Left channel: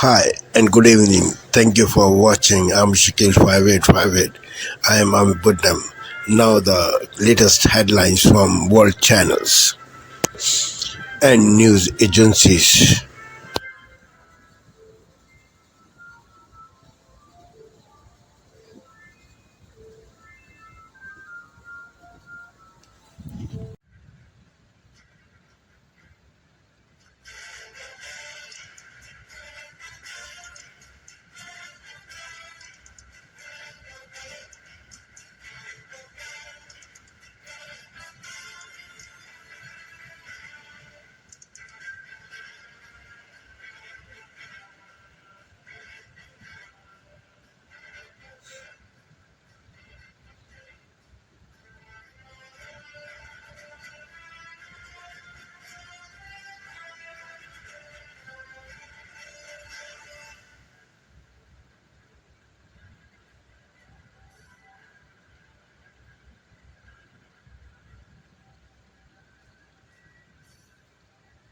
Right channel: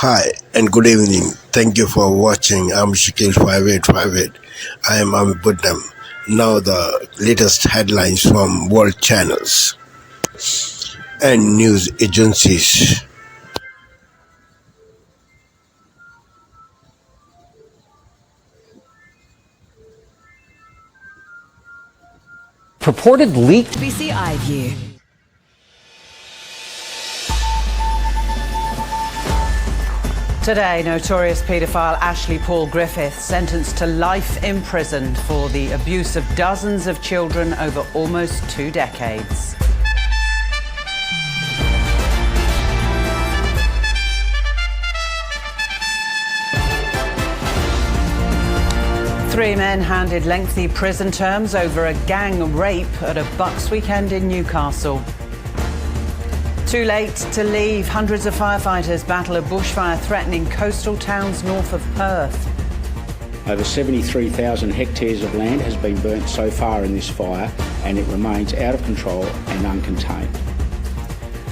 Hi and good evening. Thank you for watching. I'm Shakil 5858. I am Buddham. Now the latest headlines from world channels and news agencies. Purported leak. BBC iView. Today, notorious paedophile Ashley Paul Griffith sentenced to life in prison for the abuse of dozens of children over almost 2 decades. Three men handed lengthy prison terms over a gang rape at a Bucks weekend in Newcastle. Too late to leave. Hundreds of firefighters battle a bushfire threatening coastal towns north of Perth. Over 73,000 hectares of land has been burnt so far in this fire, and it remains out of control and uncontained.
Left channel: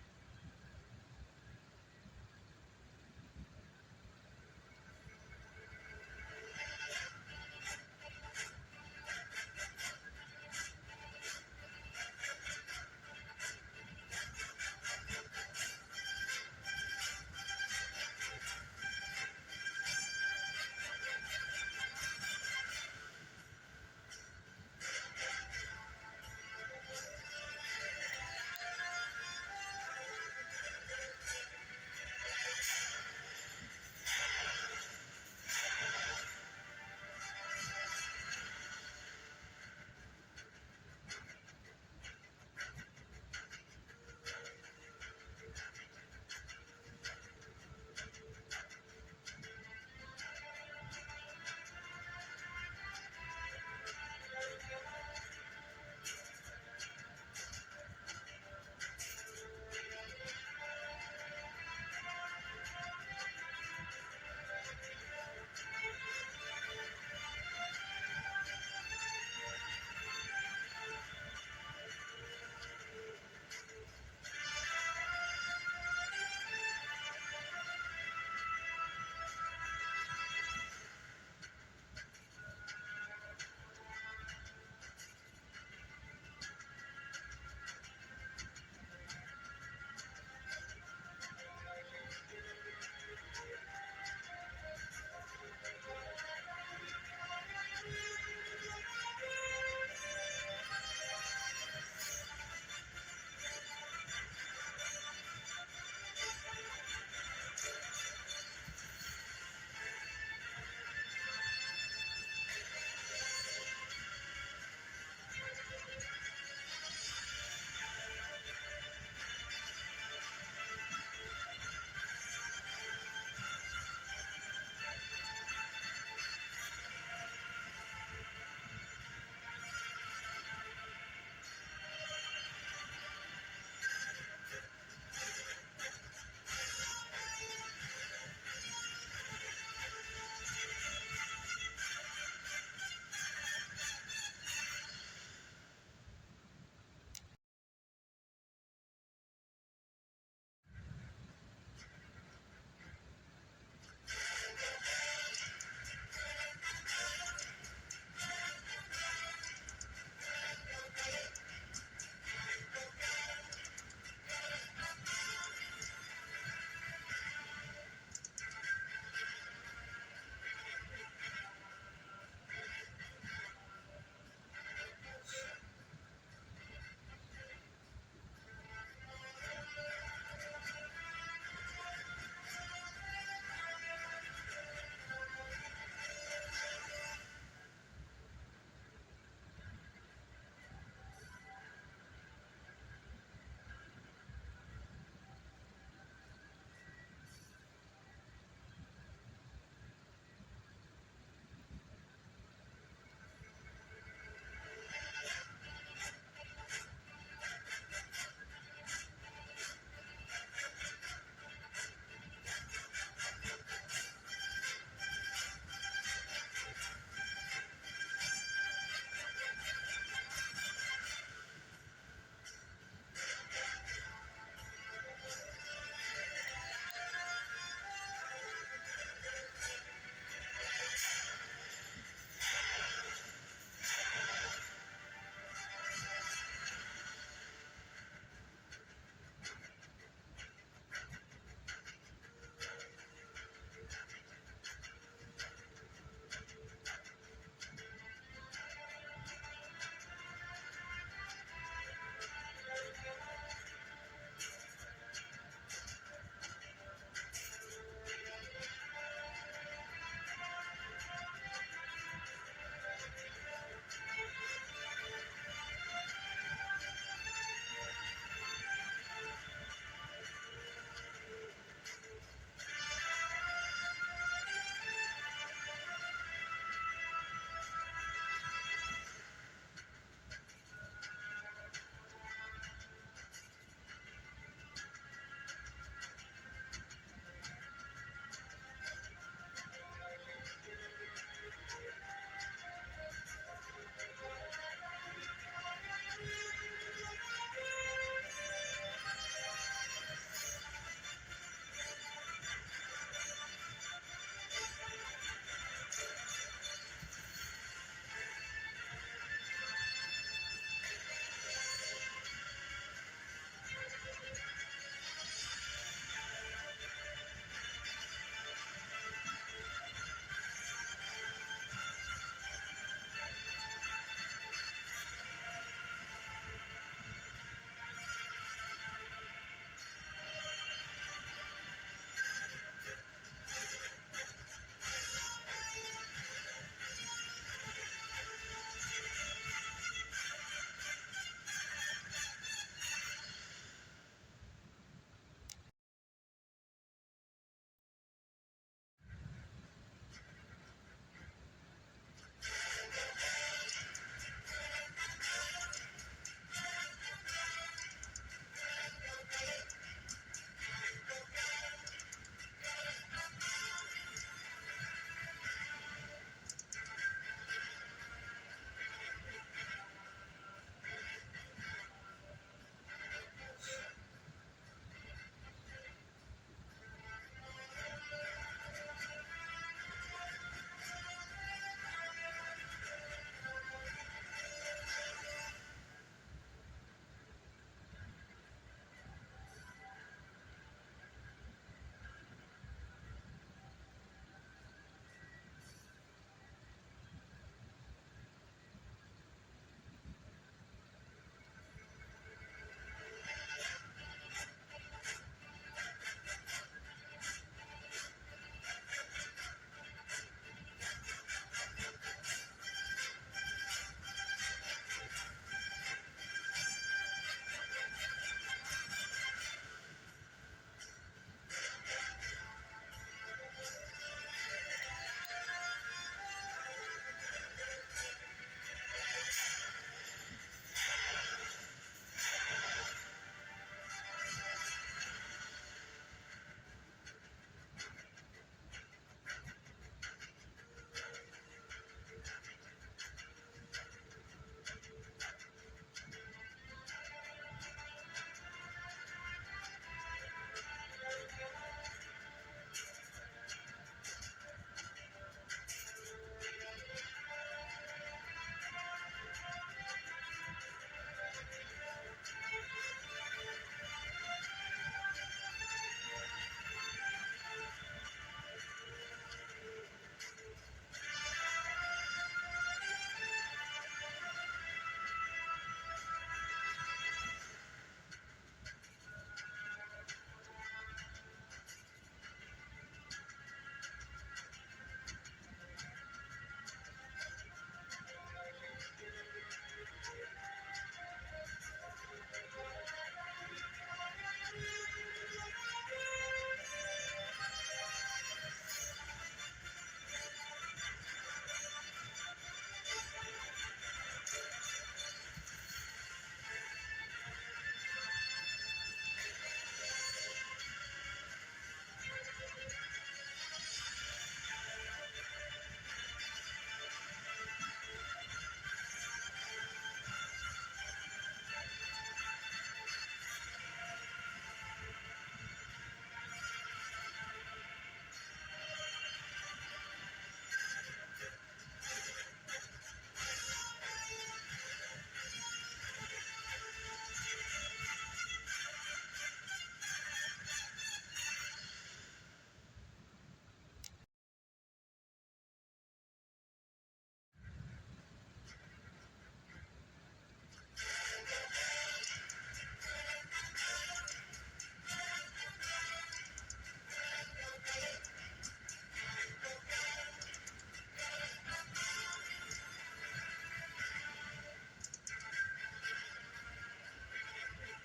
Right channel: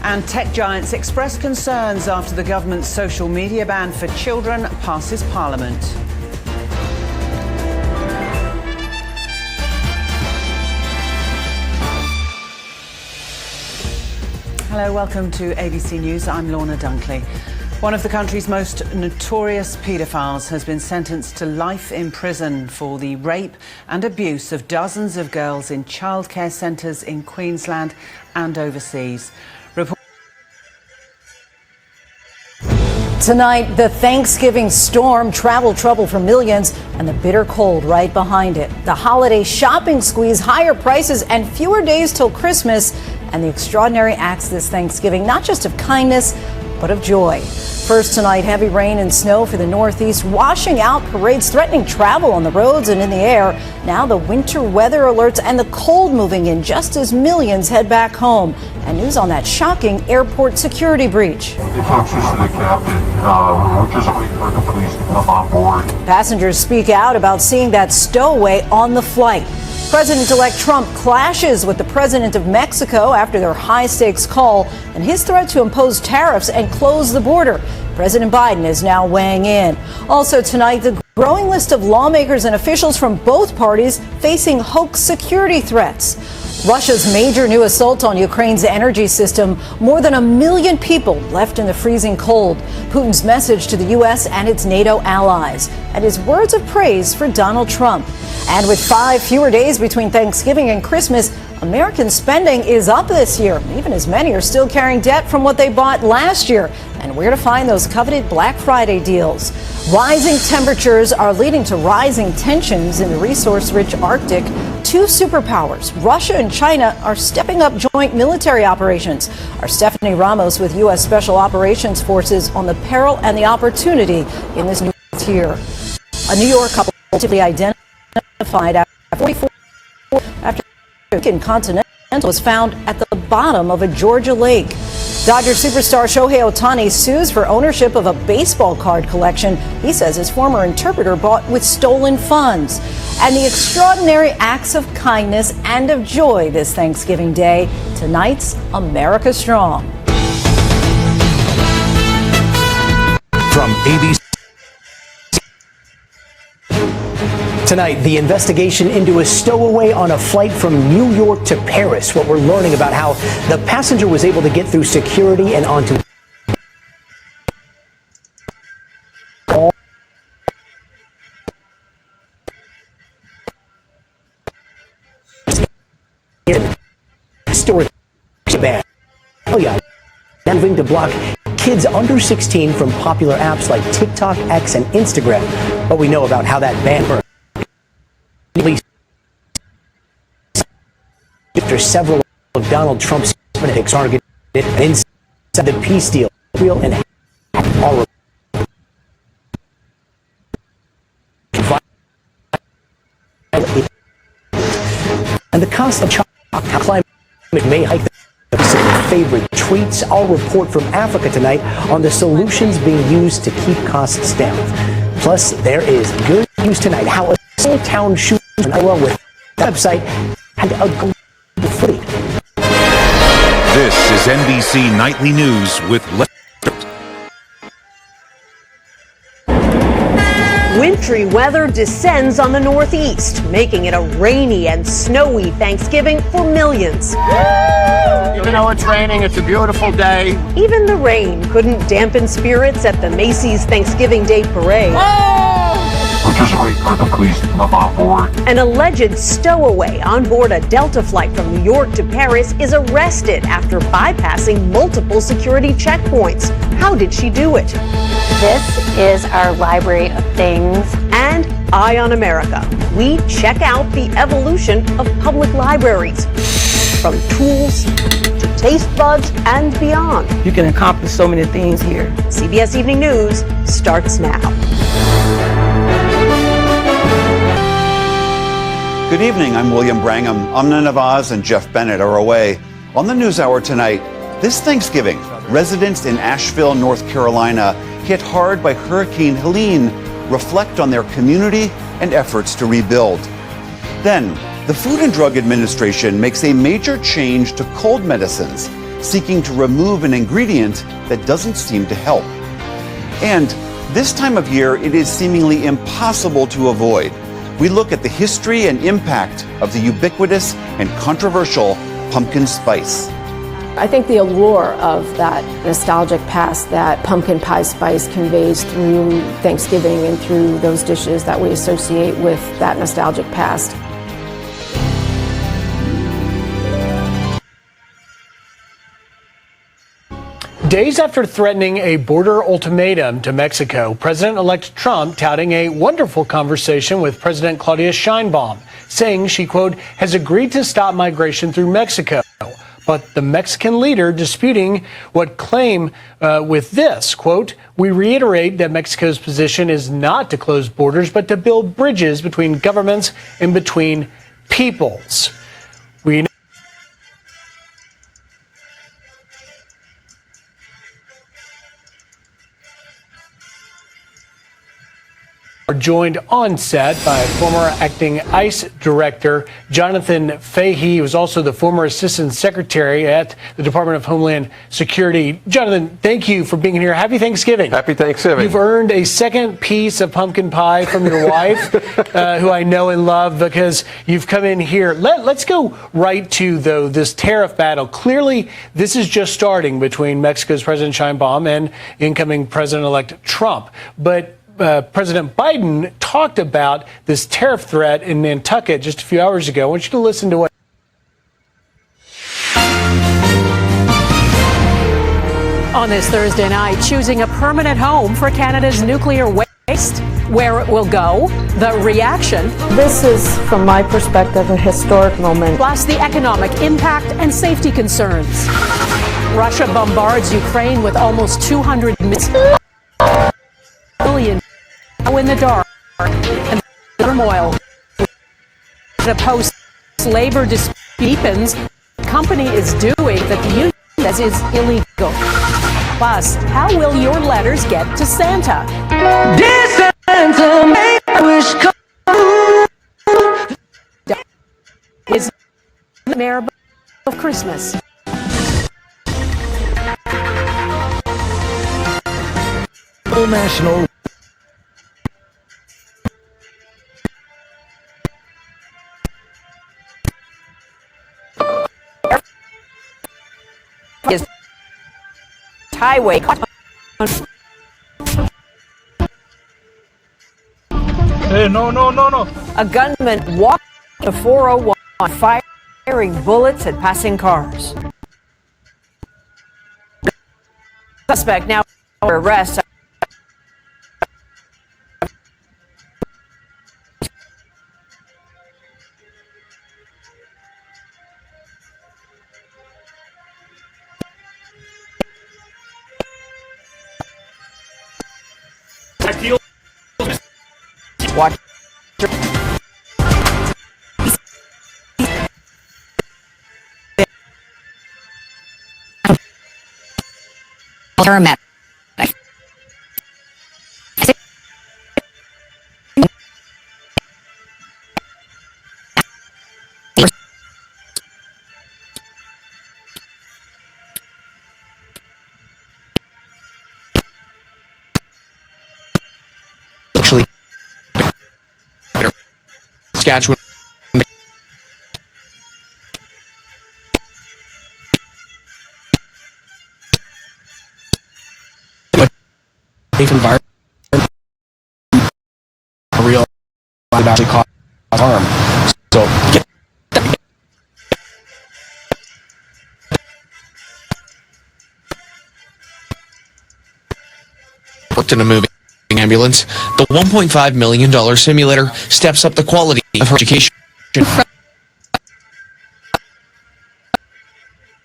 And tech giants express concerns after the government's social media ban for children passes Parliament. Hello, welcome to ABC News. I'm Lorna Dunkley. One of the country's most notorious paedophiles has been sentenced to life in prison for the rape and abuse of dozens of girls in childcare centres in Queensland and overseas. Tonight, the Thanksgiving storm, travel trouble for millions, and the bitter cold right behind it. The holiday shopping squeeze, higher prices, and fewer days till Christmas, and the extraordinary acts this Thanksgiving, not just of kindness, but of joy. First tonight, heavy rain and snow for the Northeast, washing out parades, threatening travel on the roads and in the air. Now the winter weather alerts and the cold moving in just as millions head back home. And news on that shocking airport security breach. The folks to the captain, we're just waiting for the police to come on board. Passengers speak out about seeing that stowaway on the flight. President-elect Trump clashes with the president of Mexico after their high-stakes call and his threat to impose tariffs and close the border. President Biden is now weighing in. Also tonight, the growing list of lawmakers and officials from both parties facing hoax security threats. Russia's major new assault on Ukraine's energy system, more than 1 million people left in the freezing cold. Putin's message to the U.S. and its NATO allies, and his words of praise for Donald Trump. And with 5 fewer days between Thanksgiving and Christmas, American spending is up this year, even as many are still carrying debt from what they bought last year. And where to find those coveted Black Friday deals. Rising temperatures are leading to rising tensions in the resource-rich Arctic. 2 superpowers, Russia and China, are stepping up joint military operations. Our Stephanie Ramos with U.S. Special Operations Forces on the peril and the opportunity in this new year. A New York couple ultimately identified after 44 after Continental was found at the bottom of a Georgia lake. Dodger superstar Shohei Ohtani sues for ownership of a baseball card collection he says his former interpreter bought with stolen funds. And the extraordinary acts of kindness and of joy this Thanksgiving Day. Tonight's America Strong. From ABC. Tonight, the investigation into a stowaway on a flight from New York to Paris. What we're learning about how the passenger was able to get through security and onto storage ban. Oh yeah, moving to block kids under 16 from popular apps like TikTok, X, and Instagram. But we know about how that ban works. After several of Donald Trump's critics targeted inside the peace deal, real and all. And the cost of climate may hike the favorite treats. I'll report from Africa tonight on the solutions being used to keep costs down. Plus, there is good news tonight how a small town shooting along with the website and a global fleet. This is NBC Nightly News with Wintry weather descends on the Northeast, making it a rainy and snowy Thanksgiving for millions. Even though it's raining, it's a beautiful day. Even the rain couldn't dampen spirits at the Macy's Thanksgiving Day Parade. We're just waiting for the police to come on board. An alleged stowaway on board a Delta flight from New York to Paris is arrested after bypassing multiple security checkpoints. How did she do it? This is our library of things. And Eye on America. We check out the evolution of public libraries. From tools to taste buds and beyond. You can accomplish so many things here. CBS Evening News starts now. Good evening, I'm William Brangham. Amna Nawaz and Jeff Bennett are away. On the NewsHour tonight, this Thanksgiving, residents in Asheville, North Carolina, hit hard by Hurricane Helene, reflect on their community and efforts to rebuild. Then, the Food and Drug Administration makes a major change to cold medicines, seeking to remove an ingredient that doesn't seem to help. And this time of year, it is seemingly impossible to avoid. We look at the history and impact of the ubiquitous and controversial pumpkin spice. I think the allure of that nostalgic past that pumpkin pie spice conveys through Thanksgiving and through those dishes that we associate with that nostalgic past. Days after threatening a border ultimatum to Mexico, President-elect Trump touting a wonderful conversation with President Claudia Sheinbaum, saying she, quote, has agreed to stop migration through Mexico. But the Mexican leader disputing what claim with this, quote, we reiterate that Mexico's position is not to close borders, but to build bridges between governments and between peoples. We are joined on set by former acting ICE director Jonathan Fahey, who was also the former assistant secretary at the Department of Homeland Security. Jonathan, thank you for being here. Happy Thanksgiving. Happy Thanksgiving. You've earned a second piece of pumpkin pie from your wife, who I know and love, because you've come in here. Let's go right to, though, this tariff battle. Clearly, this is just starting between Mexico's President Sheinbaum and incoming President-elect Trump. But President Biden talked about this tariff threat in Nantucket just a few hours ago. I want you to listen to what. On this Thursday night, choosing a permanent home for Canada's nuclear waste, where it will go, the reaction. This is, from my perspective, a historic moment. Plus the economic impact and safety concerns. Russia bombards Ukraine with almost 200 million in the dark, and the turmoil. The post-labor dispute deepens. The company is doing that the union says is illegal. Plus, how will your letters get to Santa? Dear Santa, make a wish come true. Is the mayor of Christmas. National is highway. Hey, no. A gunman walked to 401, firing bullets at passing cars. Suspect now under arrest. Watch. Paramedic. Actually, environment, real would actually cause harm. So worked in a moving ambulance. The $1.5 million simulator steps up the quality of her education.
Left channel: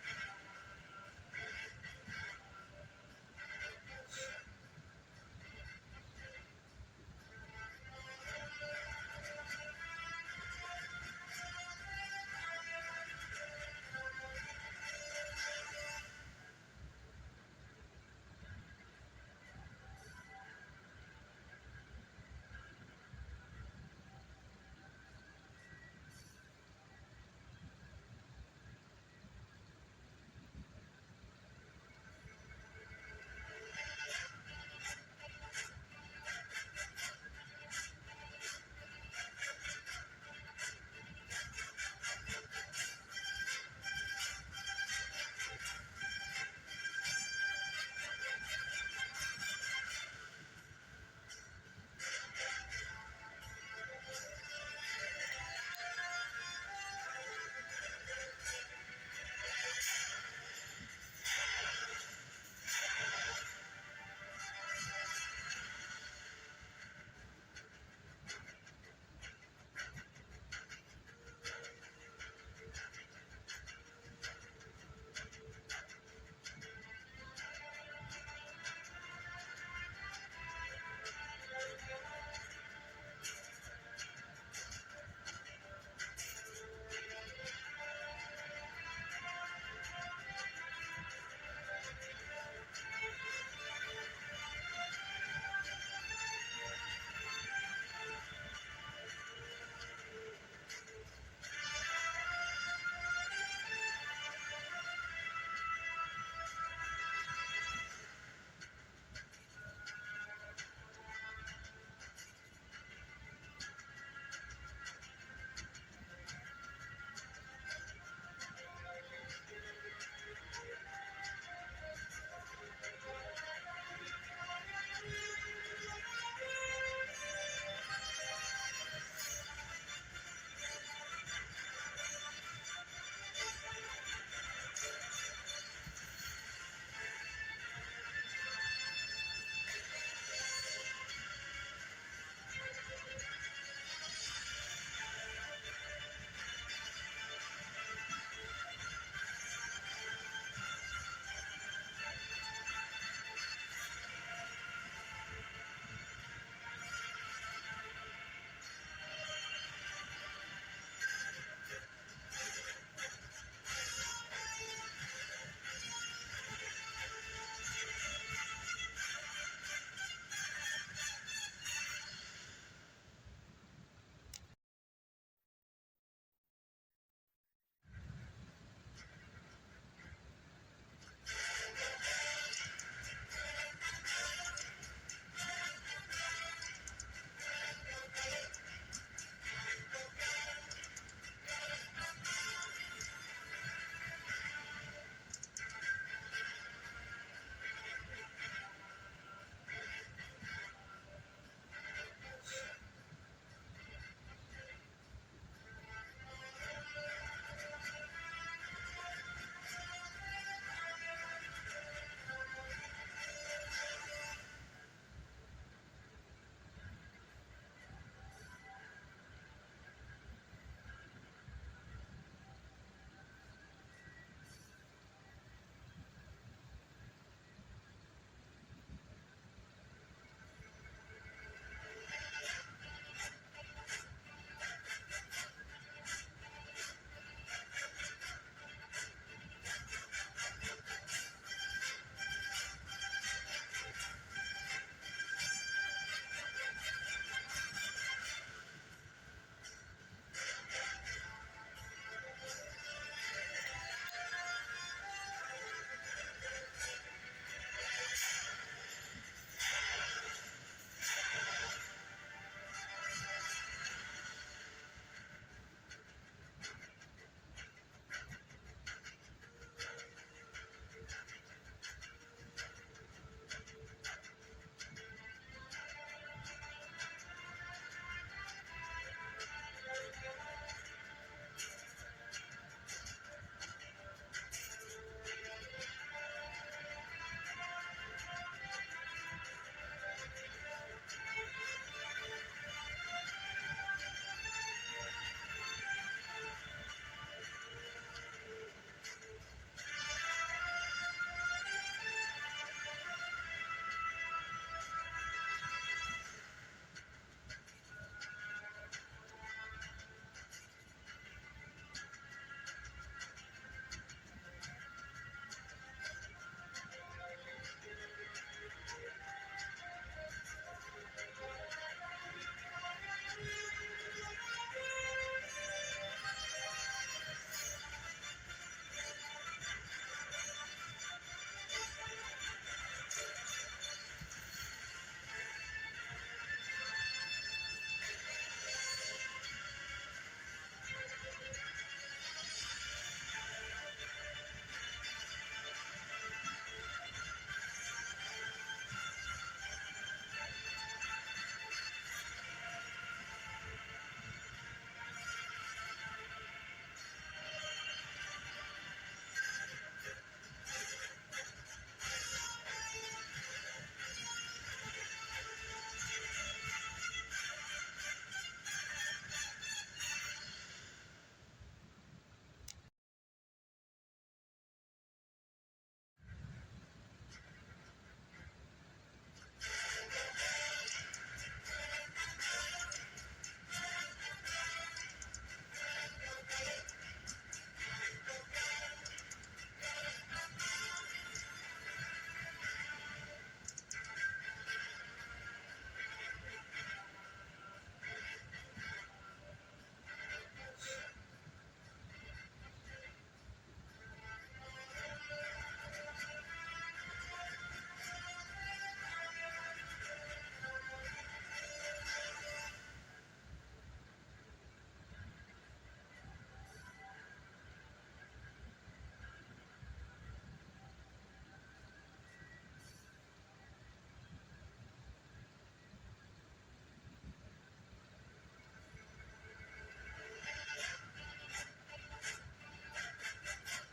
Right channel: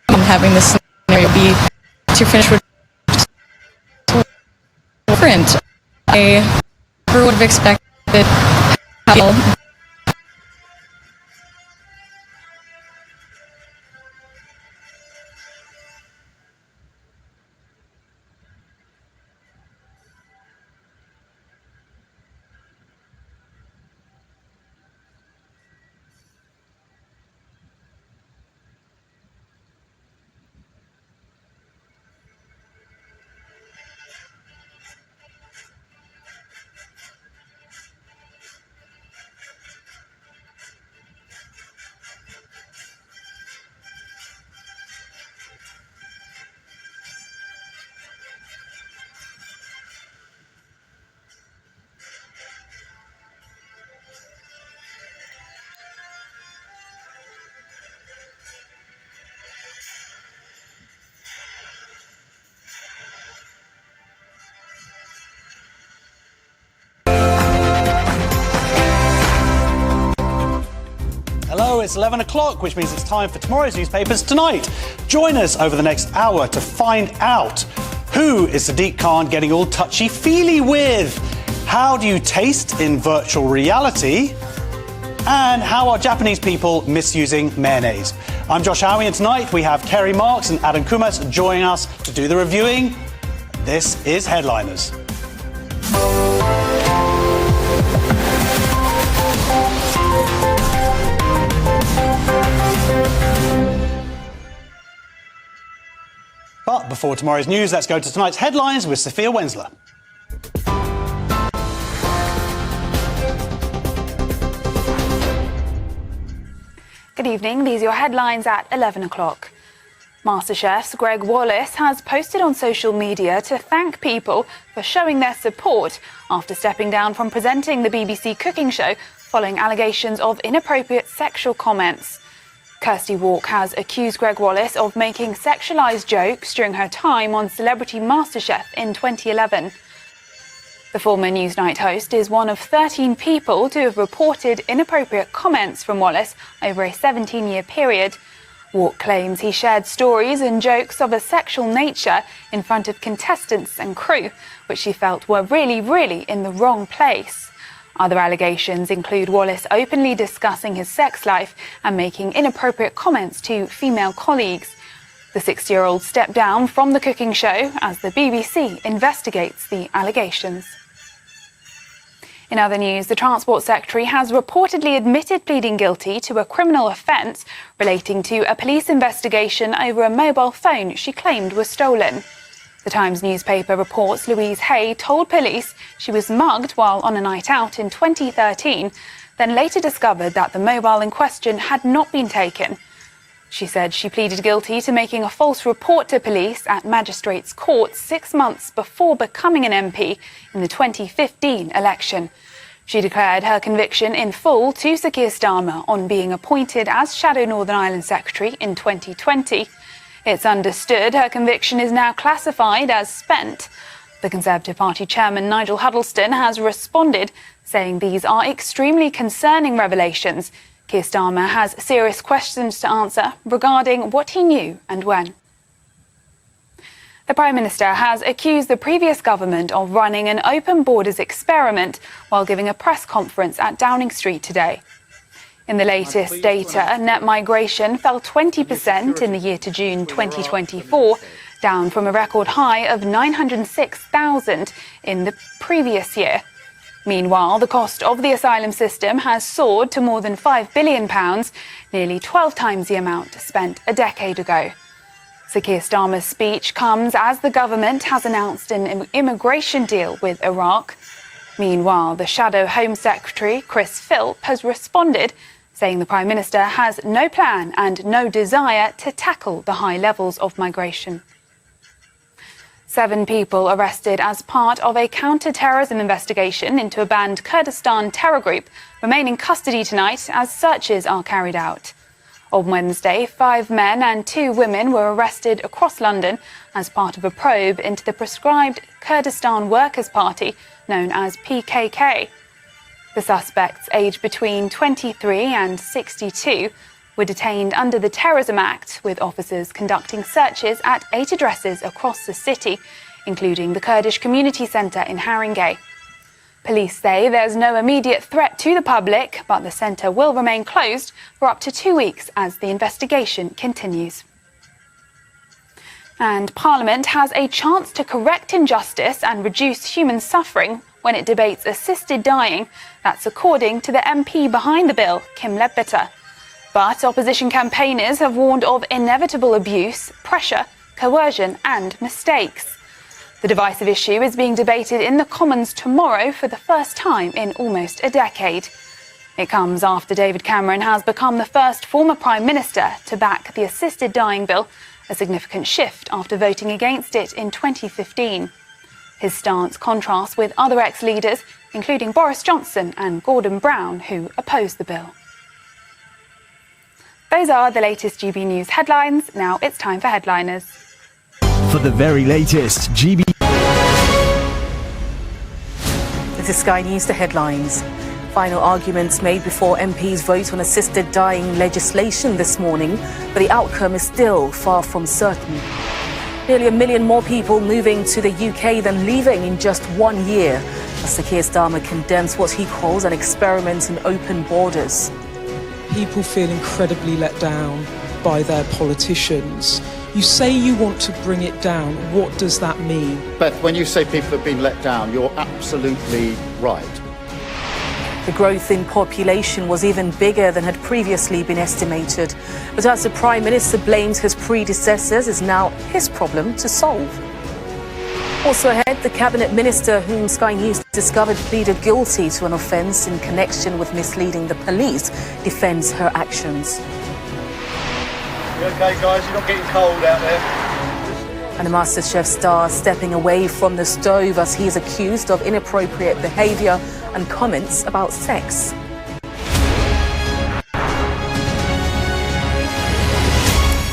Having this scenario be to finish with print, I never would have expected how Hello, it's 11 o'clock, which means it's time for tomorrow's newspapers tonight. Join us over the next hour to find out who is Sadiq Khan getting all touchy-feely with, how do you taste in virtual reality, and how are Japanese people misusing mayonnaise. I'm Josh Howie, and tonight we have Kerry Marks and Adam Kumas joining us to do the reviewing. This is Headliners. But before tomorrow's news, let's go to tonight's headlines with Sophia Wensler. Good evening. These are your headlines at 11 o'clock. MasterChef's Greg Wallace has posted on social media to thank people for showing their support after stepping down from presenting the BBC cooking show following allegations of inappropriate sexual comments. Kirsty Walk has accused Greg Wallace of making sexualised jokes during her time on Celebrity MasterChef in 2011. The former Newsnight host is one of 13 people to have reported inappropriate comments from Wallace over a 17-year period. Walk claims he shared stories and jokes of a sexual nature in front of contestants and crew, which she felt were really in the wrong place. Other allegations include Wallace openly discussing his sex life and making inappropriate comments to female colleagues. The 60-year-old stepped down from the cooking show as the BBC investigates the allegations. In other news, the Transport Secretary has reportedly admitted pleading guilty to a criminal offence relating to a police investigation over a mobile phone she claimed was stolen. The Times newspaper reports Louise Hay told police she was mugged while on a night out in 2013, then later discovered that the mobile in question had not been taken. She said she pleaded guilty to making a false report to police at Magistrates' Court 6 months before becoming an MP in the 2015 election. She declared her conviction in full to Sir Keir Starmer on being appointed as Shadow Northern Ireland Secretary in 2020. It's understood her conviction is now classified as spent. The Conservative Party chairman Nigel Huddleston has responded, saying these are extremely concerning revelations. Keir Starmer has serious questions to answer regarding what he knew and when. The Prime Minister has accused the previous government of running an open borders experiment while giving a press conference at Downing Street today. In the latest data, net migration fell 20% in the year to June 2024, down from a record high of 906,000 in the previous year. Meanwhile, the cost of the asylum system has soared to more than £5 billion, nearly 12 times the amount spent a decade ago. Sir Keir Starmer's speech comes as the government has announced an immigration deal with Iraq. Meanwhile, the Shadow Home Secretary, Chris Philp, has responded, saying the Prime Minister has no plan and no desire to tackle the high levels of migration. 7 people arrested as part of a counter-terrorism investigation into a banned Kurdistan terror group remain in custody tonight as searches are carried out. On Wednesday, 5 men and 2 women were arrested across London as part of a probe into the proscribed Kurdistan Workers' Party, known as PKK. The suspects, aged between 23 and 62, were detained under the Terrorism Act, with officers conducting searches at 8 addresses across the city, including the Kurdish Community Centre in Haringey. Police say there's no immediate threat to the public, but the centre will remain closed for up to 2 weeks as the investigation continues. And Parliament has a chance to correct injustice and reduce human suffering when it debates assisted dying. That's according to the MP behind the bill, Kim Ledbetter. But opposition campaigners have warned of inevitable abuse, pressure, coercion and mistakes. The divisive issue is being debated in the Commons tomorrow for the first time in almost a decade. It comes after David Cameron has become the first former Prime Minister to back the assisted dying bill, a significant shift after voting against it in 2015. His stance contrasts with other ex-leaders, including Boris Johnson and Gordon Brown, who opposed the bill. Those are the latest GB News headlines. Now it's time for Headliners. For the very latest GB. This is Sky News, the headlines. Final arguments made before MPs vote on assisted dying legislation this morning, but the outcome is still far from certain. Nearly 1 million more people moving to the UK than leaving in just 1 year, as Sir Keir Starmer condemns what he calls an experiment in open borders. People feel incredibly let down by their politicians. You say you want to bring it down. What does that mean? Beth, when you say people have been let down, you're absolutely right. The growth in population was even bigger than had previously been estimated. But as the Prime Minister blames his predecessors, it's now his problem to solve. Also ahead, the Cabinet Minister, whom Sky News discovered pleaded guilty to an offence in connection with misleading the police, defends her actions. You okay, guys? You're not getting cold out there? And the MasterChef star stepping away from the stove as he is accused of inappropriate behaviour and comments about sex.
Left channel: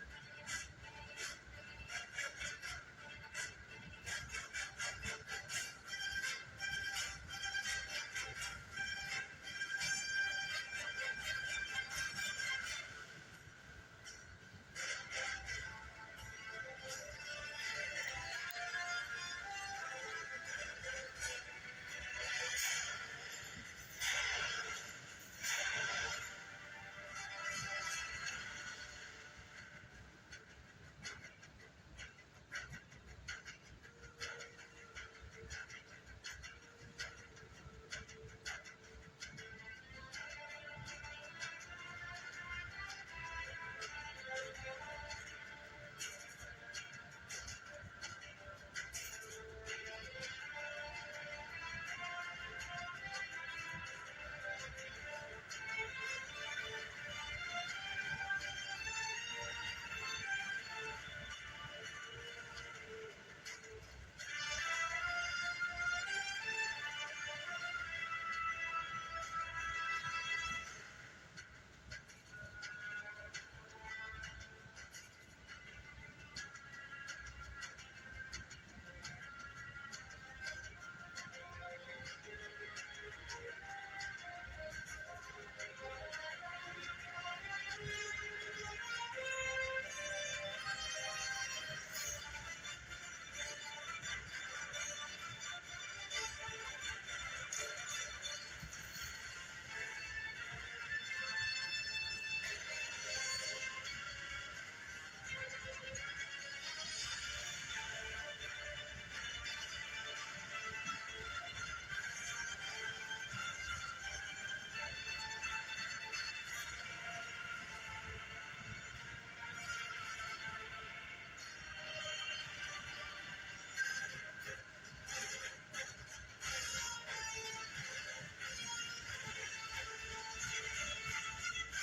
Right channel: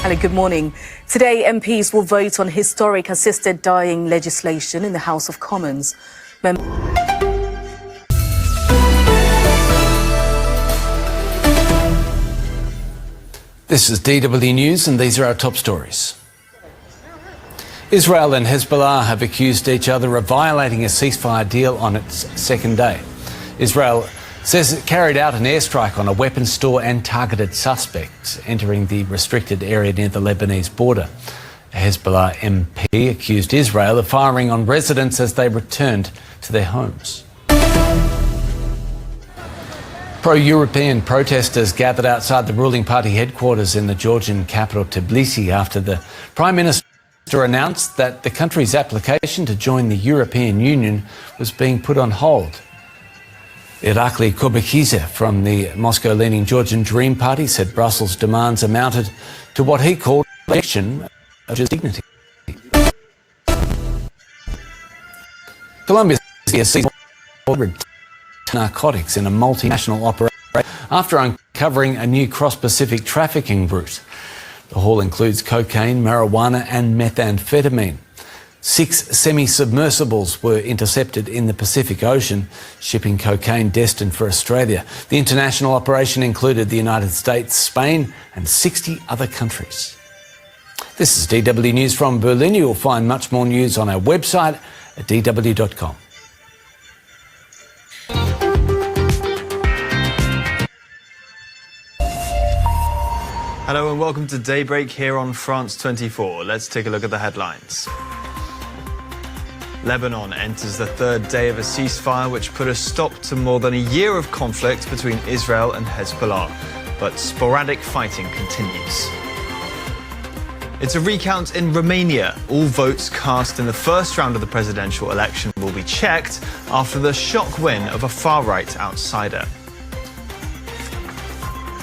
Hello, good morning. Today, MPs will vote on historic assisted dying legislation in the House of Commons. This is DW News, and these are our top stories. Israel and Hezbollah have accused each other of violating a ceasefire deal on its second day. Israel says it carried out an airstrike on a weapons store and targeted suspects entering the restricted area near the Lebanese border. A Hezbollah MP accused Israel of firing on residents as they returned to their homes. Pro-European protesters gathered outside the ruling party headquarters in the Georgian capital Tbilisi after the Prime Minister announced that the country's application to join the European Union was being put on hold. Irakli Kurbakidze from the Moscow-leaning Georgian Dream Party said Brussels' demands amounted to what he called a rejection of dignity. Colombia seized narcotics in a multinational operation after uncovering a new cross-Pacific trafficking route. The haul includes cocaine, marijuana and methamphetamine. 6 semi-submersibles were intercepted in the Pacific Ocean, shipping cocaine destined for Australia. The international operation included the United States, Spain and 60 other countries. This is DW News from Berlin. You'll find much more news on our website at dw.com. Hello and welcome to Daybreak here on France 24. Let's take a look at the headlines. Lebanon enters the 3rd day of a ceasefire which put a stop to more than a year of conflict between Israel and Hezbollah. But sporadic fighting continues. It's a recount in Romania. All votes cast in the first round of the presidential election will be checked after the shock win of a far-right outsider.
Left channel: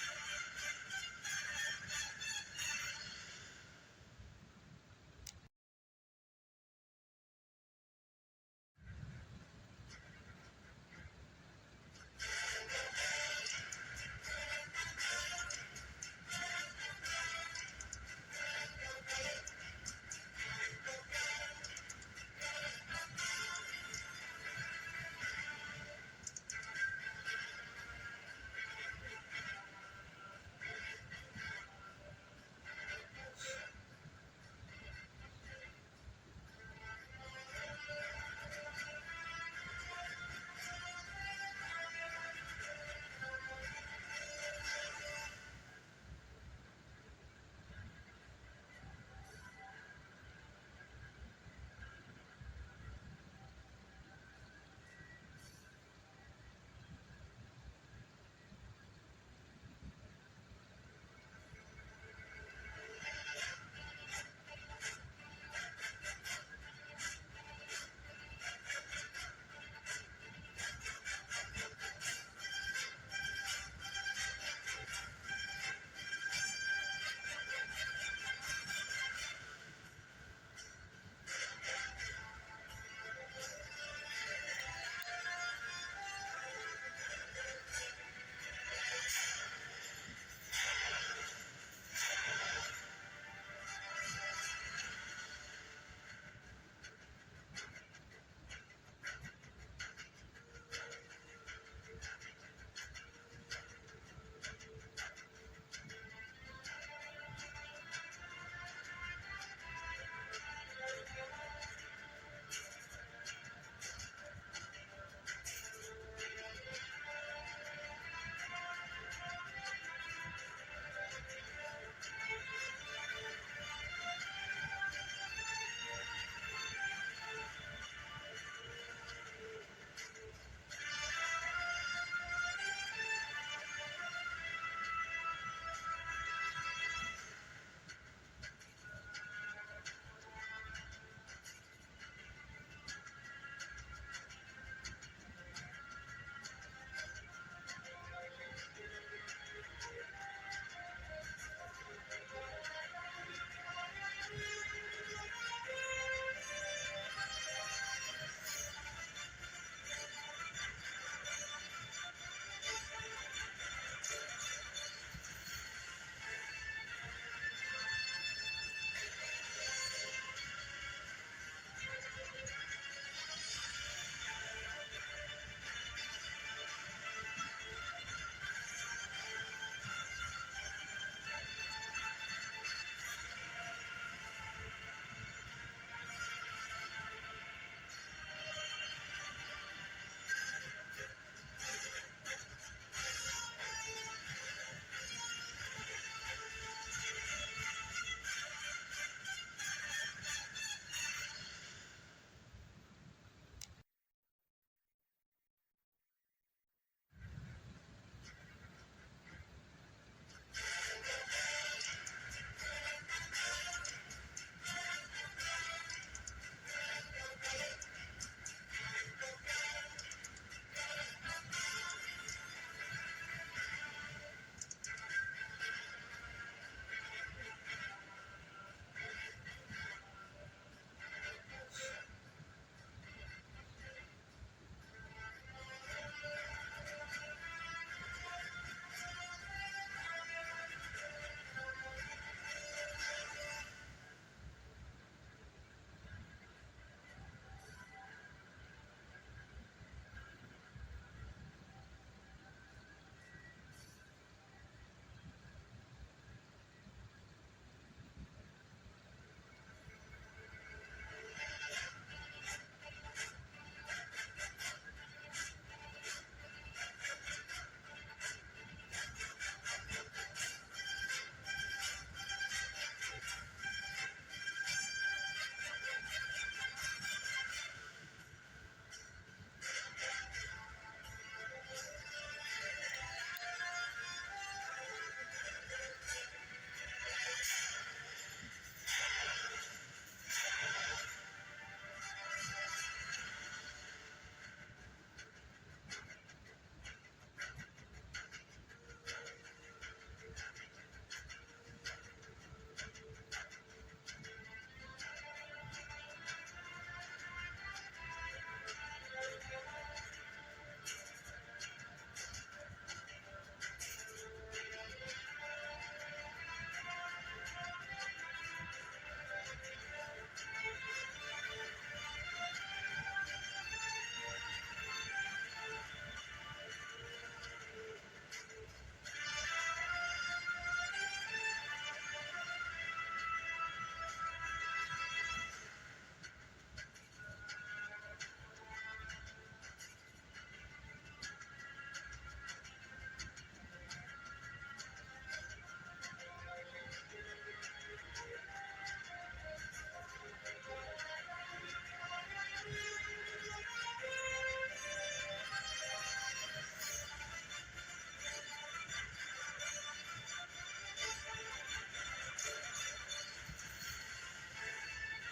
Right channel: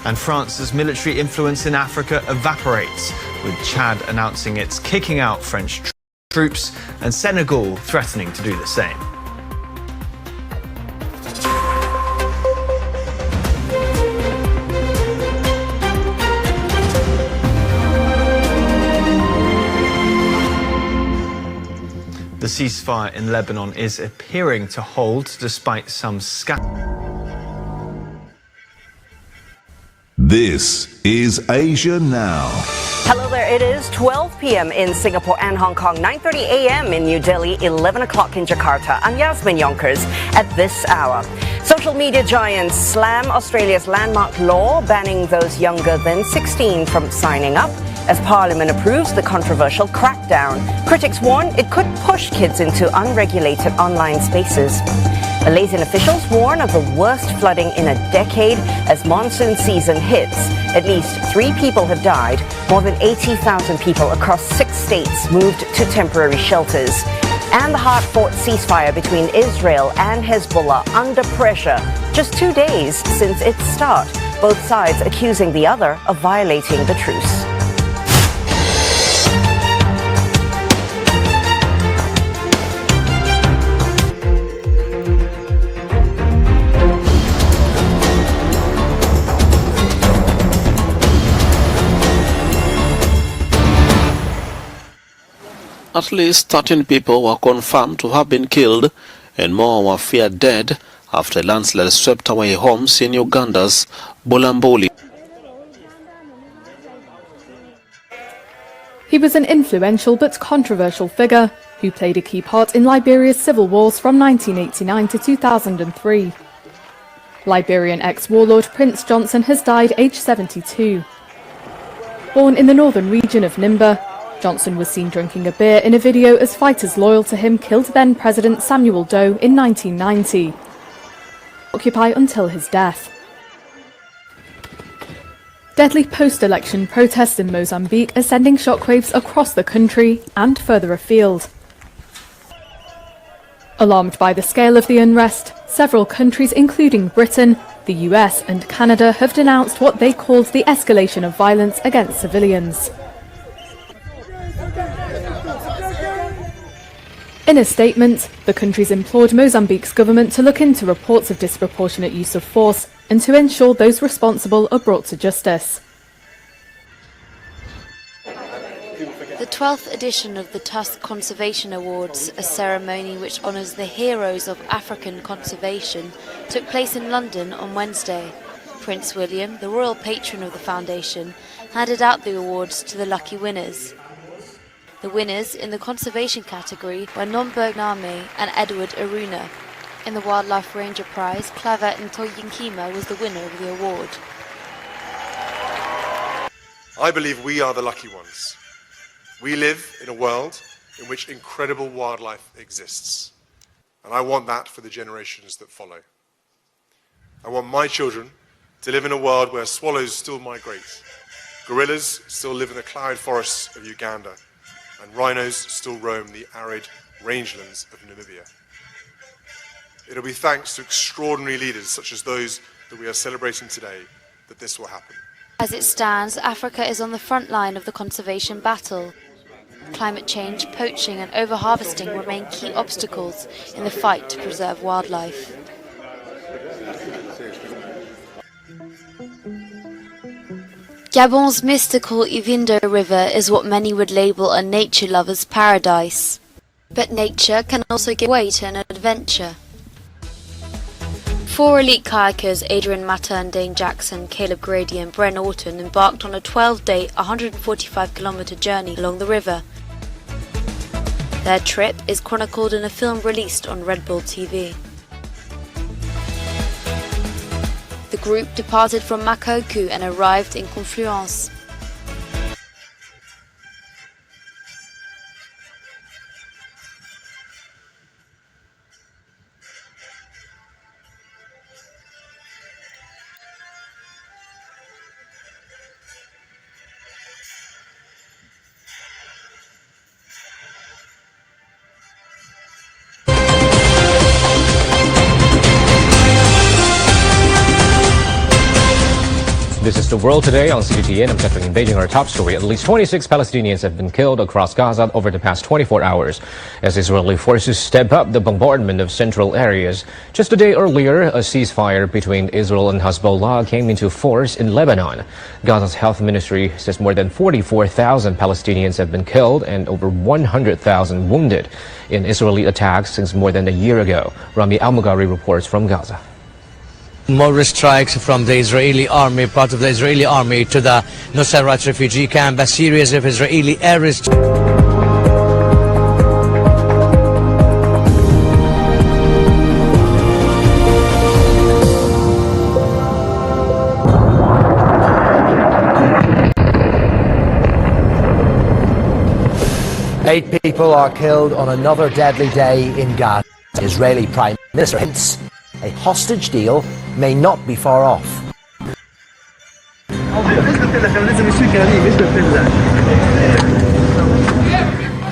And France's military influence in Africa evaporates, with Chad announcing it's kicking out French troops, and Senegal threatening to do the same. The ceasefire in Lebanon is appearing to hold despite some This is Asia Now. Hello there, it is 12 p.m. in Singapore and Hong Kong, 9:30 a.m. in New Delhi, 11 o'clock in Jakarta. I'm Yasmin Yonkers at this hour. Social media giants slam Australia's landmark law banning those younger than 16 from signing up as Parliament approves the controversial crackdown. Critics warn it could push kids into unregulated online spaces. Malaysian officials warn of the worst flooding in a decade as monsoon season hits. At least 3 people have died. More than 80,000 people across 6 states moved to temporary shelters. And the hard-fought ceasefire between Israel and Hezbollah under pressure just 2 days since its start. Both sides accusing the other of violating the truce. At least 13 people were confirmed to have been killed and more were feared dead after a landslide swept away homes in Uganda's Bulambuli. He was an influential but controversial figure who played a key part in Liberia's civil wars from 1989 to 2003. Liberian ex-warlord Prince Johnson has died aged 72. Born in the northern region of Nimba, Johnson was seen drinking a beer in a video as fighters loyal to him killed then-President Samuel Doe in 1990. Occupy until his death. Deadly post-election protests in Mozambique are sending shockwaves across the country and further afield. Alarmed by the scale of the unrest, several countries including Britain, the US and Canada have denounced what they called the escalation of violence against civilians. In a statement, the countries implored Mozambique's government to look into reports of disproportionate use of force and to ensure those responsible are brought to justice. The 12th edition of the Tusk Conservation Awards, a ceremony which honours the heroes of African conservation, took place in London on Wednesday. Prince William, the royal patron of the foundation, handed out the awards to the lucky winners. The winners in the conservation category were Nomberg Name and Edward Aruna. In the Wildlife Ranger Prize, Clavet Ntoyinkima was the winner of the award. I believe we are the lucky ones. We live in a world in which incredible wildlife exists. And I want that for the generations that follow. I want my children to live in a world where swallows still migrate, gorillas still live in the cloud forests of Uganda, and rhinos still roam the arid rangelands of Namibia. It'll be thanks to extraordinary leaders such as those that we are celebrating today that this will happen. As it stands, Africa is on the front line of the conservation battle. Climate change, poaching and overharvesting remain key obstacles in the fight to preserve wildlife. Gabon's mystical Ivindo River is what many would label a nature lover's paradise. But nature can also give way to an adventure. 4 elite kayakers, Adrian Matter and Dane Jackson, Caleb Grady and Bren Orton, embarked on a 12-day, 145-kilometre journey along the river. Their trip is chronicled in a film released on Red Bull TV. The group departed from Makoku and arrived in Confluence. This is is The World Today on CGTN. I'm Patrick in Beijing. Our top story: at least 26 Palestinians have been killed across Gaza over the past 24 hours as Israeli forces step up the bombardment of central areas. Just a day earlier, a ceasefire between Israel and Hezbollah came into force in Lebanon. Gaza's health ministry says more than 44,000 Palestinians have been killed and over 100,000 wounded in Israeli attacks since more than a year ago. Rami Al-Mughari reports from Gaza. More strikes from the Israeli army, part of the Israeli army, to the Nusayrat refugee camp. A series of Israeli airstrikes. Eight people are killed on another deadly day in Gaza. Israeli Prime Minister hints a hostage deal may not be far off.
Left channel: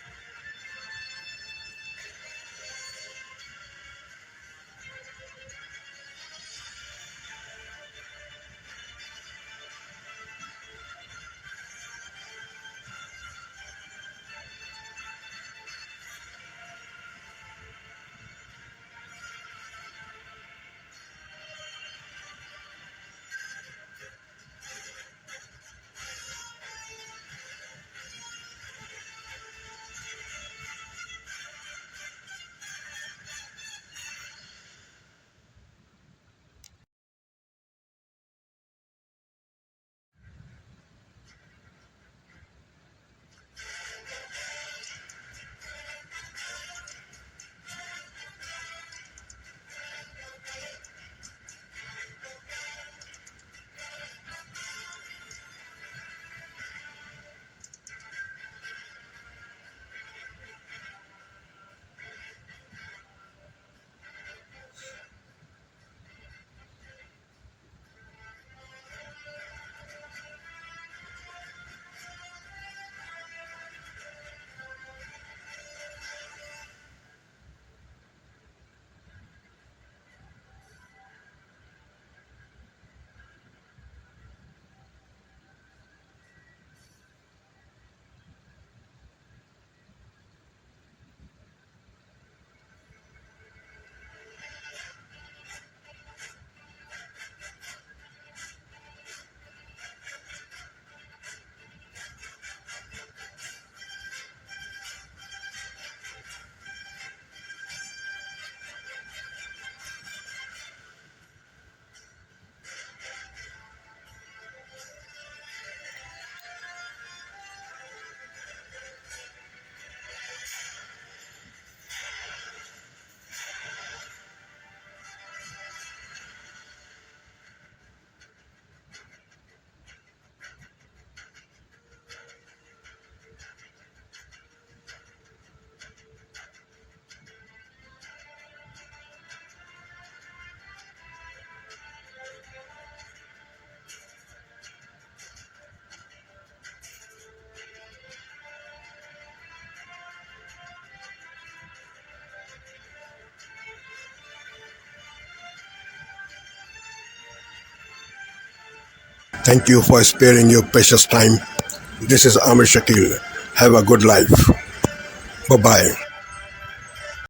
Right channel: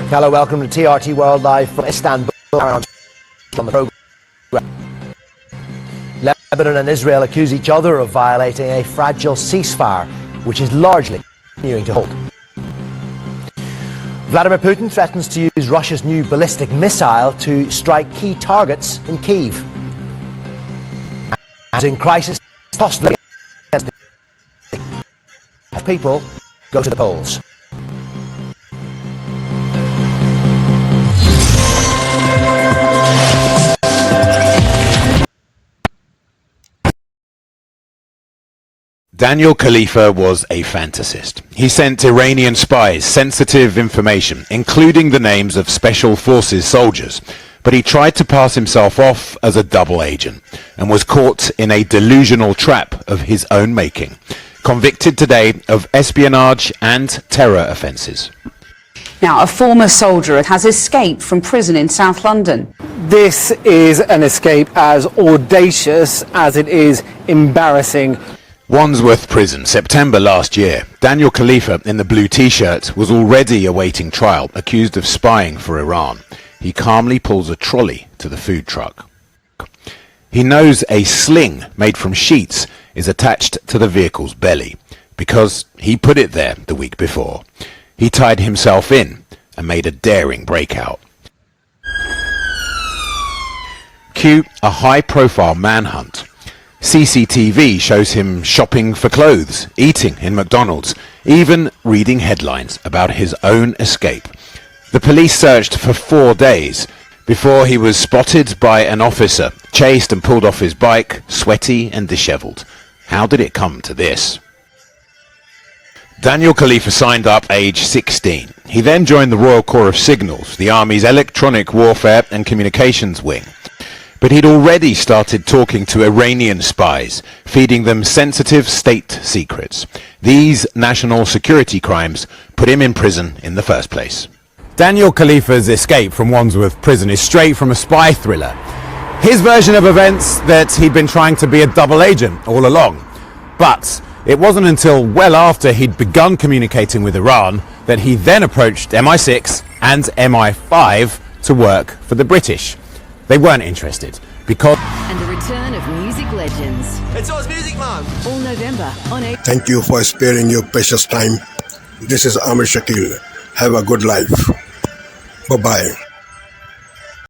Hello, welcome to TRT World Live from Istanbul. On the program. Lebanon and Israel accuse each other of violating a fragile ceasefire, which is largely continuing to hold. Vladimir Putin threatens to use Russia's new ballistic missile to strike key targets in Kyiv. And in crisis, possibly as people go to the polls. Daniel Khalifa was a fantasist. He sent Iranian spies sensitive information, including the names of special forces soldiers, but he tried to pass himself off as a double agent and was caught in a delusional trap of his own making, convicted today of espionage and terror offences. Now, a former soldier has escaped from prison in South London. This is an escape as audacious as it is embarrassing. Wandsworth Prison, September last year. Daniel Khalifa, in the blue T-shirt, was already awaiting trial, accused of spying for Iran. He calmly pulls a trolley to the food truck. He knows a sling made from sheets is attached to the vehicle's belly, because he put it there the week before. He tied himself in and made a daring breakout. Cue a high-profile manhunt. CCTV shows him shopping for clothes, eating in McDonald's, even reading headlines about his own escape. The police searched for 4 days before he was spotted by an officer, chased and pulled off his bike, sweaty and dishevelled. How did it come to this? Daniel Khalifa signed up age 16. He then joined the Royal Corps of Signals, the Army's electronic warfare and communications wing. But he'd already started talking to Iranian spies, feeding them sensitive state secrets. These national security crimes put him in prison in the first place. Daniel Khalifa's escape from Wandsworth Prison is straight from a spy thriller. His version of events that he'd been trying to be a double agent all along. But it wasn't until well after he'd begun communicating with Iran that he then approached MI6 and MI5 to work for the British. They weren't interested because... And the return of music legends. It's Oz Music Man. All November on 8. Thank you for sparing your precious time. This is Amir Shakil. Have a good life. Bye-bye.